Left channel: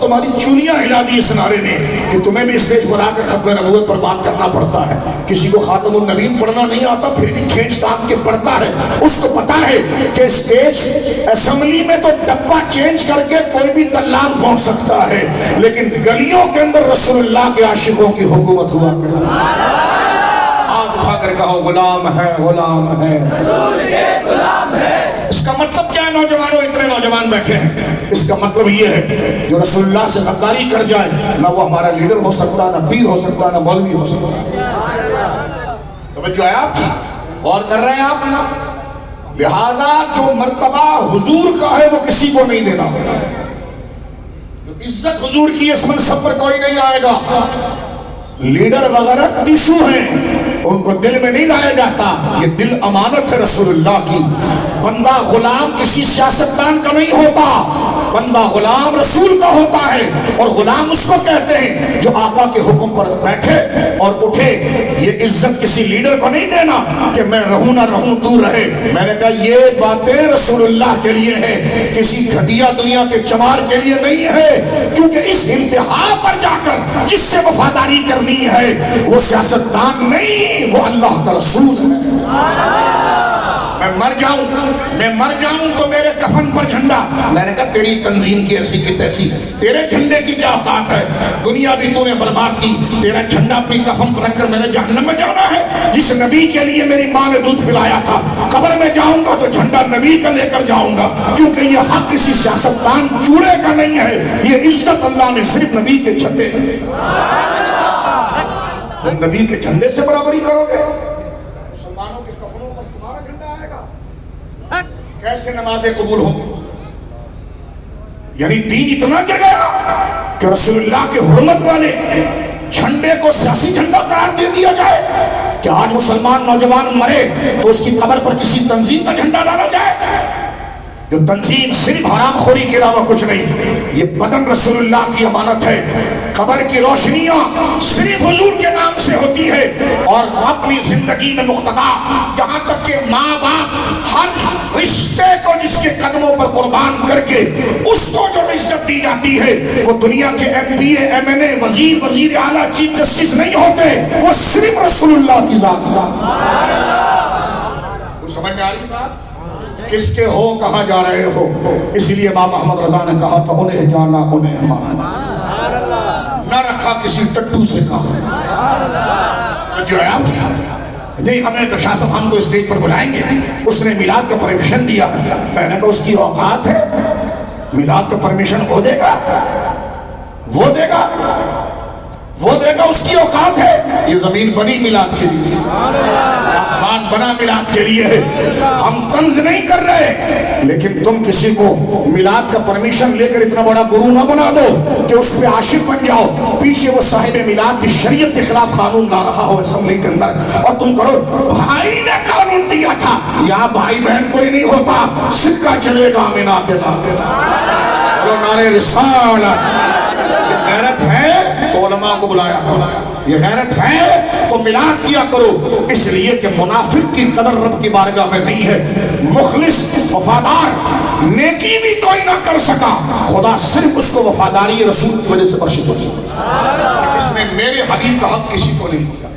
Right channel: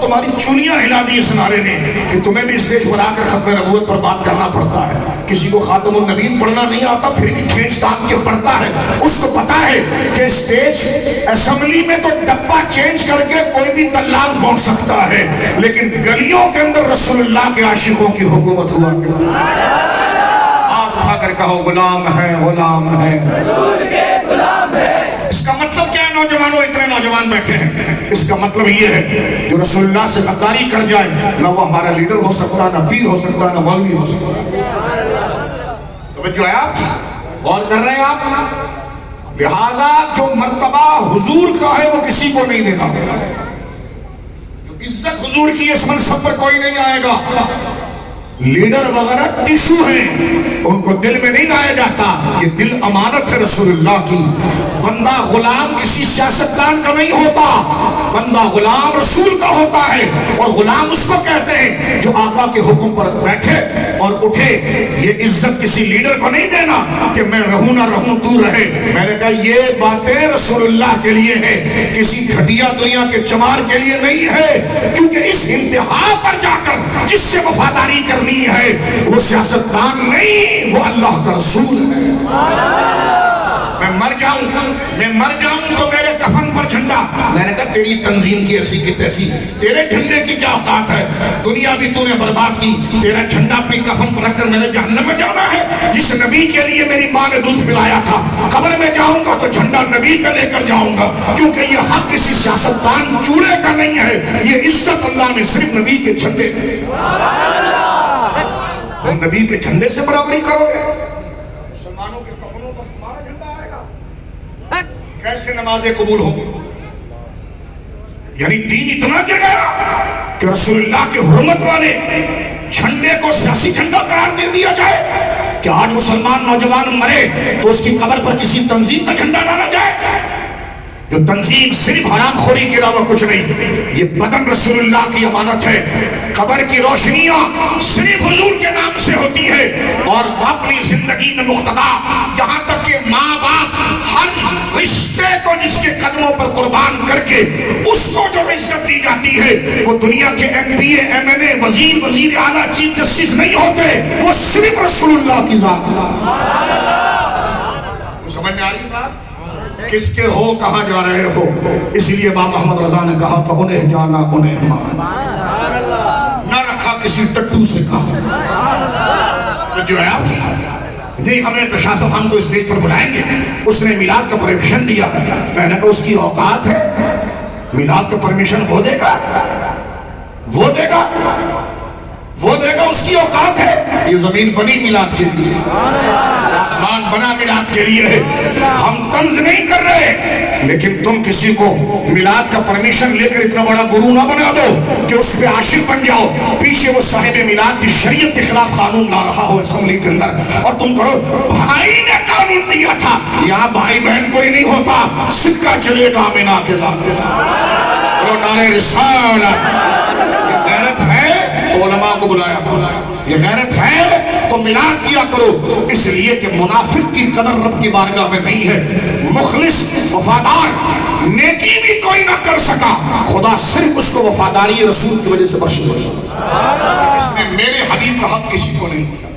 تمہاری چولیاں ہلا دی اس نعرے نے کہ تمہیں بھی اسٹیج پر آ کر ختم نبوت پر بات کرنا پڑتا ہے. کسی کو خاتم النبیین پڑھنا نہیں آتا پھر بھی کھینچ تان کے پڑھتا ہے. اس کو پتا ہے کہ اسٹیج اسمبلی میں تو ڈبہ چینج کر کے کوئی بھی طلاق پہنچ سکتا ہے، لیکن گلیوں کے اندر رسول اللہ کے عاشقوں کی حکومت ہوا کرتی. کہو غلام ہے، غلام ہے، رسول کے غلام ہے. اس کا مطلب کیا ہے نوجوانوں؟ اتنے نوجوان بیٹھے ہیں. اس کا مطلب یہ ہے جو رسول اللہ سے غداری کر جائے نہ وہ ہمارا لیڈر ہو سکتا، نہ پیر ہو سکتا، نہ مولوی ہو سکتا. توجہ ہے آپ کی؟ اور کر رہے ہیں آپ؟ لہذا جو مرتبہ حضور کا ہے وہ کسی کو نہیں دینا. جو عزت حضور کی اس منصب پر کوئی نہیں آئے گا. لیڈر وغیرہ ٹیشو ہیں، ان کو دل میں نہیں لایا جاتا. یہ دل امانت ہے رسول اللہ کی. بندہ غلام کسی سیاستدان کا نہیں ہوتا، بندہ غلام رسول کا ہوتا ہے. اور غلام اس کو کہتے ہیں جو آقا کے حکم پر بیٹھے اور اٹھے. یہ عزت کسی لیڈر کو نہیں دینا کہ میں رہوں نہ رہوں تو رہے. میں نے کہا یہ باتیں رسول اللہ کے لیے ہیں، کسی گھٹیا دنیا کے چمار کے لیے نہیں ہے. کیونکہ اس انتہا پر جا کر جس سے وفاداری کرنی ہے وہ سیاستدان نہیں، وہ اللہ کا رسول ہے. میں مر جاؤں تو میرے کفن پر جھنڈا. میں نے کہا تیری تنظیم کی ایسی کی تیسی، تیرے جھنڈے کی کیا اوقات ہے؟ دنیا بھی تو نے برباد کی، تیرا جھنڈا اپنی کفن پر رکھ کر میں نے جہنم میں جانا ہے. جس نبی کے لیے میری ماں نے دودھ پلایا تھا، قبر میں جاؤں گا تو جھنڈا نبی کا لے کر جاؤں گا. کیونکہ یہ حق کسی سیاستدان چوڑے کا نہیں ہے، یہ عزت اللہ نے صرف نبی کے جھنڈے دی. تم نبی کے جھنڈے سے برابری کرو گے، مسلمانوں کے کفنوں پر تمہارا جھنڈا آئے گا. کیسے نمازیں قبول ہوں گی؟ یعنی دین اتنا گر گیا کہ رسول اللہ کے حرمت والے جھنڈے کو سیاسی جھنڈا قرار دے دیا جائے کہ آج مسلمان نوجوان مرے تو اس کی قبر پر کسی تنظیم کا جھنڈا ڈالا جائے. جو تنظیم صرف حرام خوری کے علاوہ کچھ نہیں. یہ بدن رسول اللہ کی امانت ہے. قبر کی روشنیاں صرف حضور کے نام سے ہوتی ہے. اور اپنی زندگی میں مقتدا، یہاں تک کہ ماں باپ ہر رشتے کو جس کے قدموں پر قربان کر کے اس کو جو عزت دی جاتی ہے، وہ دنیا کے ایم پی اے، ایم این اے، وزیر اعلیٰ، چیف جسٹس نہیں ہوتے، وہ صرف رسول اللہ کی ذات. سمجھ میں آ رہی بات؟ کس کے ہو کہاں جا رہے ہو؟ اس لیے امام محمد رضا نے کہا تھا انہیں جانا انہیں مانا، نہ رکھا کسی ٹٹو سے کہا. جو ہے آپ نہیں، ہمیں تو شاہ صاحب ہم کو اسٹیج پر بلائیں گے، اس نے میلاد کا پرمیشن دیا. میں نے کہا اس کی اوقات ہے؟ میلاد کا پرمیشن وہ دے گا، وہ دے گا، وہ دے گا. اس کی اوقات ہے؟ یہ زمین بنی میلاد کے لیے، آسمان بنا میلاد کے لیے ہے. ہم طنز نہیں کر رہے، لیکن تم کسی کو میلاد کا پرمیشن لے کر اتنا بڑا گرو نہ بنا دو کہ اس پہ عاشق بن جاؤ. پیچھے وہ صاحب میلاد کی شریعت کے خلاف قانون لا رہا ہو اسمبلی کے اندر، اور تم کرو بھائی نے قانون دیا تھا. یہاں بھائی بہن کوئی نہیں ہوتا، صدقہ چلے گا مینا کے نام. نعرے رسالت. غیرت ہے تو علماء کو بلایا کرو، یہ غیرت ہے تو میلاد کیا کرو. اس لیے کہ منافق کی قدر رب کی بارگاہ میں نہیں ہے. مخلص وفادار نیکی بھی کوئی نہ کر سکا، خدا صرف اس کو وفاداری رسول کی وجہ سے بخش دے. اس نے میرے حبیب کا حق کسی کو نہیں دیا.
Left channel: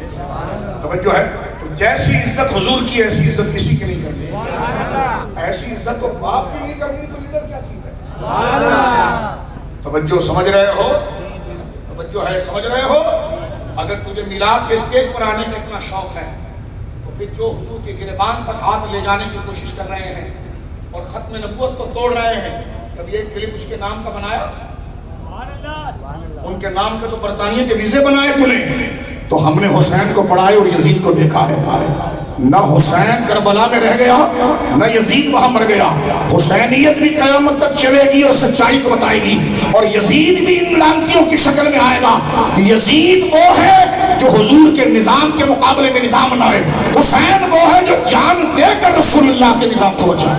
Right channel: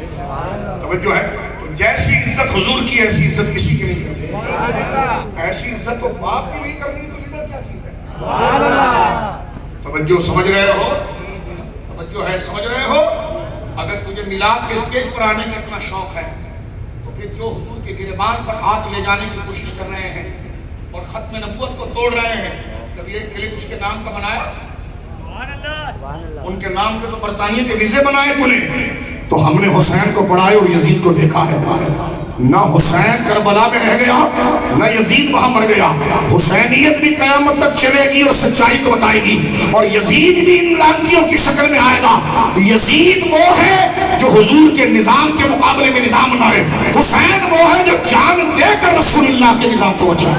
توجہ ہے؟ تو جیسی عزت حضور کی ایسی عزت کسی کی نہیں کرنی. ایسی عزت تو باپ کی نہیں کرنی تو لیڈر کیا چیز ہے؟ توجہ سمجھ رہے ہو؟ توجہ ہے سمجھ رہے ہو؟ اگر تجھے میلاد کے اسٹیج پر آنے کا اتنا شوق ہے تو پھر جو حضور کے گریبان تک ہاتھ لے جانے کی کوشش کر رہے ہیں اور ختم نبوت کو توڑ رہے ہیں، کبھی ایک کلپ اس کے نام کا بنایا؟ ان کے نام کے تو برطانیہ کے ویزے بنائے تو نے. تو ہم نے حسین کو پڑھائے اور یزید کو دیکھا ہے. نہ حسین کربلا میں رہ گیا، نہ یزید وہاں مر گیا. حسینیت بھی قیامت تک چلے گی اور سچائی کو بتائے گی، اور یزید بھی ان لانکیوں کی شکل میں آئے گا. یزید وہ ہے جو حضور کے نظام کے مقابلے میں نظام بنائے. حسین وہ ہے جو جان دے کر رسول اللہ کے نظام کو بچائے.